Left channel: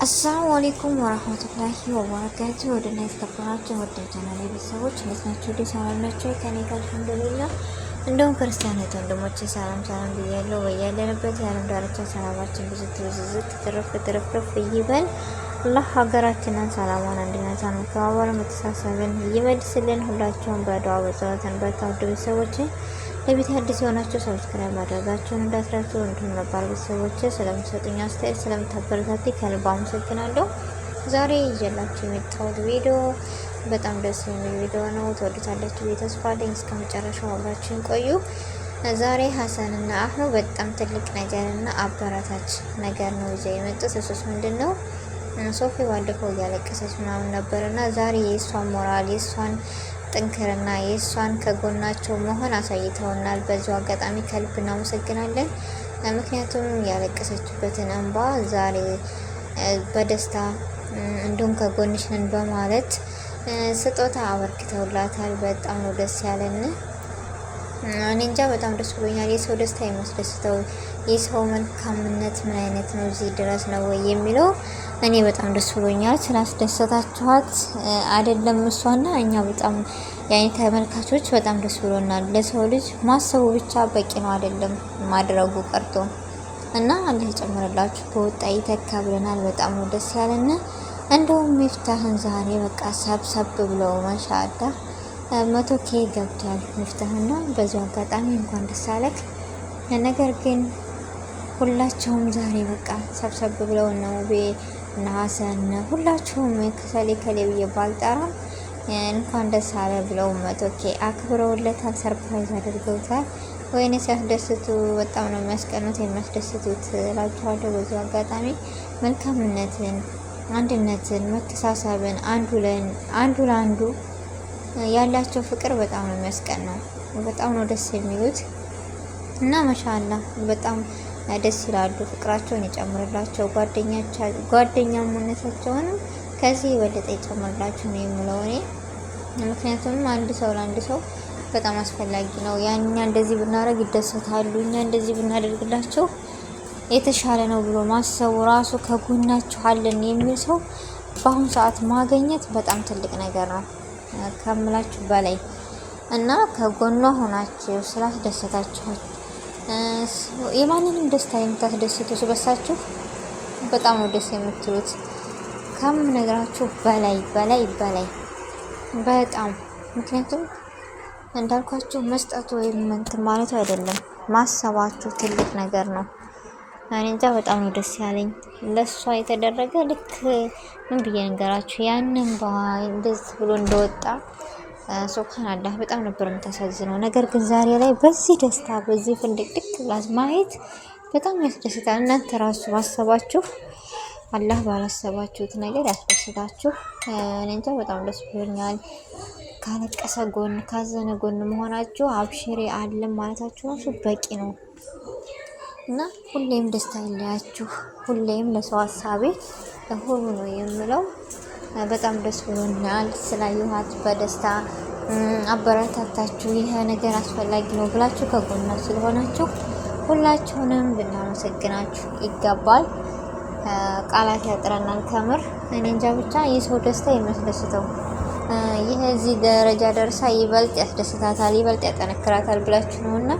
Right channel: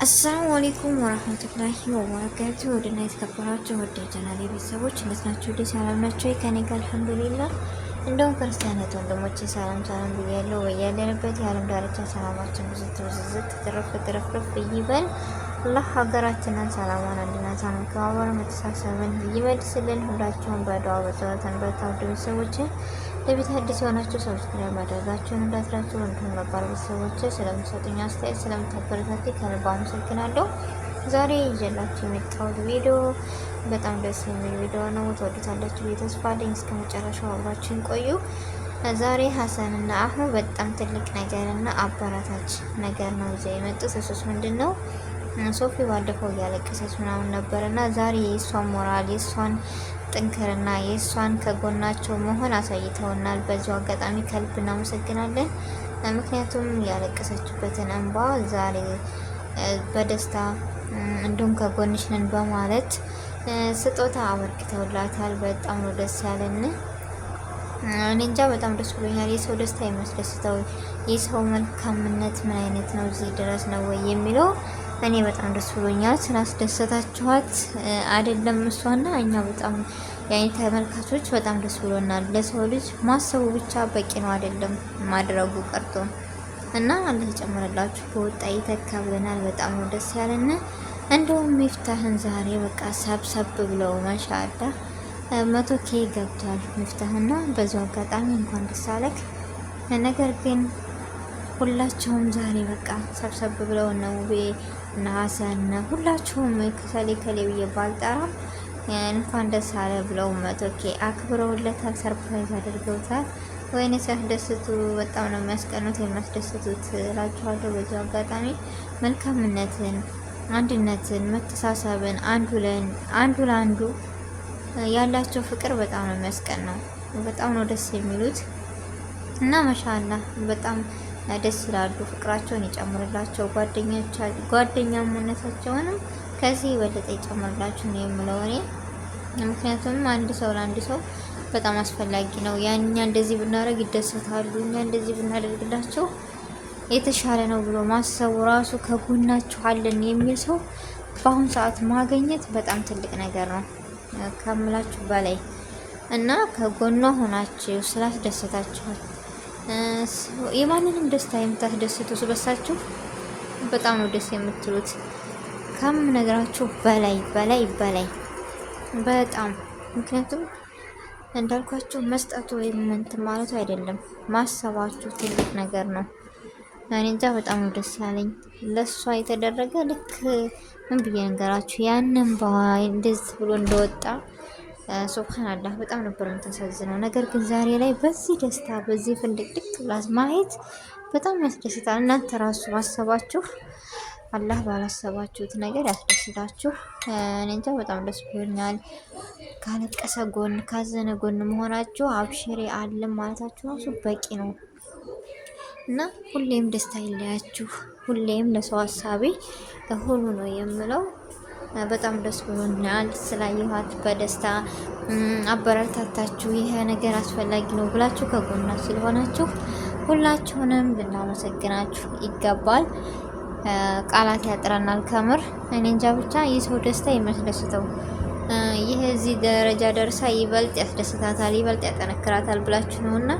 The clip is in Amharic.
አሰላሙ አለይኩም ወራህመቱላሂ ወበረካቱ። ወደና የተከበራችሁ ወደ ቻናሌ ቤተሰቦች እንዴት ናችሁ? ሰላም ናችሁ? ከኔ ጋር አልሐምዱሊላህ። እንደውም ክርስቲያኖች ወንድሞቼ ሰላም ብያለሁ። በያለንበት የዓለም ዳርቻ ሰላማችን ብዙ ትርፍርፍ ይበል። አላህ ሀገራችንን ሰላሟን፣ አንድነቷን፣ መከባበርን፣ መተሳሰብን ይመልስልን። ሁላችሁም በዱዓ በጸሎትን በታውዱ ቤተሰቦች ለቤት አዲስ የሆናችሁ ሰብስክራይብ ማድረጋችሁን እንዳትረሱ። እንዲሁም ነባር ቤተሰቦች ስለምሰጡኝ አስተያየት ስለምታበረታቱ ከልብ አመሰግናለሁ። ዛሬ ይዤላችሁ የመጣሁት ቪዲዮ በጣም ደስ የሚል ቪዲዮ ነው። ትወዱታላችሁ ብዬ ተስፋ አለኝ። እስከ መጨረሻው አብራችሁን ቆዩ። ዛሬ ሀሰንና አህሙ በጣም ትልቅ ነገርና አበረታች ነገር ነው ይዘው የመጡት። እሱስ ምንድን ነው? ሶፊ ባለፈው እያለቀሰች ምናምን ነበርና ዛሬ የእሷን ሞራል የእሷን ጥንክርና የእሷን ከጎናቸው መሆን አሳይተውናል። በዚሁ አጋጣሚ ከልብ እናመሰግናለን። ምክንያቱም ያለቀሰችበትን እንባ ዛሬ በደስታ እንዲሁም ከጎንሽ ነን በማለት ስጦታ አበርክተውላታል። በጣም ነው ደስ ያለን። እኔ እንጃ በጣም ደስ ብሎኛል። የሰው ደስታ የሚያስደስተው የሰው መልካምነት ምን አይነት ነው? እዚህ ድረስ ነው ወይ የሚለው እኔ በጣም ደስ ብሎኛል። ስላስደሰታችኋት አይደለም እሷና እኛ በጣም ያኔ ተመልካቾች በጣም ደስ ብሎናል። ለሰው ልጅ ማሰቡ ብቻ በቂ ነው አይደለም ማድረጉ ቀርቶ እና አላህ ይጨምርላችሁ በወጣ ይተካ ብለናል። በጣም ነው ደስ ያለን። እንደውም ሚፍታህን ዛሬ በቃ ሰብሰብ ብለው ማሻአላ 100K ገብቷል ሚፍታህና በዚሁ አጋጣሚ እንኳን ደስ አለክ። ነገር ግን ሁላቸውም ዛሬ በቃ ሰብሰብ ብለው ነው እና ሀሰን ሁላችሁም ከሌ ብዬ ባልጠራም እንኳን ደስ አለ ብለው 100K አክብረውለታል። ሰርፕራይዝ አድርገውታል። ወይኔ ሲያስደስቱ በጣም ነው የሚያስቀኑት የሚያስደስቱት እላችኋለሁ። በዚሁ አጋጣሚ መልካምነትን፣ አንድነትን፣ መተሳሰብን አንዱ ለአንዱ ያላቸው ፍቅር በጣም ነው የሚያስቀናው። በጣም ነው ደስ የሚሉት እና ማሻአላህ በጣም ደስ ይላሉ። ፍቅራቸውን ይጨምርላቸው። ጓደኛሞነታቸውንም ከዚህ የበለጠ ይጨምርላችሁ ነው የምለው እኔ። ምክንያቱም አንድ ሰው ለአንድ ሰው በጣም አስፈላጊ ነው። እኛ እንደዚህ ብናደርግ ይደሰታሉ፣ እኛ እንደዚህ ብናደርግላቸው የተሻለ ነው ብሎ ማሰቡ ራሱ ከጎናችሁ አለን የሚል ሰው በአሁኑ ሰዓት ማግኘት በጣም ትልቅ ነገር ነው ከምላችሁ በላይ እና ከጎኗ ሆናችሁ ስላስደሰታችኋት የማንንም ደስታ የምታስደስቱ ስለሳችሁ በጣም ነው ደስ የምትሉት ከምነግራችሁ በላይ በጣም ምክንያቱም እንዳልኳችሁ መስጠቱ ወይም እንትን ማለቱ አይደለም ማሰባችሁ ትልቅ ነገር ነው። እኔ እንጃ በጣም ነው ደስ ያለኝ ለሷ የተደረገ ልክ ምን ብዬ ነገራችሁ ያንን እንደዚህ ብሎ እንደወጣ ሱብሃንአላህ በጣም ነበር የምታሳዝነው። ነገር ግን ዛሬ ላይ በዚህ ደስታ በዚህ ፍንድቅድቅ ብላስ ማየት በጣም ያስደስታል። እናንተ ራሱ ማሰባችሁ አላህ ባላሰባችሁት ነገር ያስደስታችሁ። እኔ እንጃ በጣም ደስ ብሎኛል። ካለቀሰ ጎን ካዘነ ጎን መሆናችሁ አብሽሬ አለም ማለታችሁ ራሱ በቂ ነው እና ሁሌም ደስታ ይለያችሁ። ሁሌም ለሰው ሀሳቢ ሆኑ ነው የምለው። በጣም ደስ ብሎኛል ስላየኋት በደስታ አበረታታችሁ። ይሄ ነገር አስፈላጊ ነው ብላችሁ ከጎና ስለሆናችሁ ሁላችሁንም ልናመሰግናችሁ ይገባል። ቃላት ያጥረናል ከምር። እኔ እንጃ ብቻ የሰው ደስታ የሚያስደስተው ይሄ እዚህ ደረጃ ደርሳ ይበልጥ ያስደስታታል፣ ይበልጥ ያጠነክራታል ብላችሁ ነውና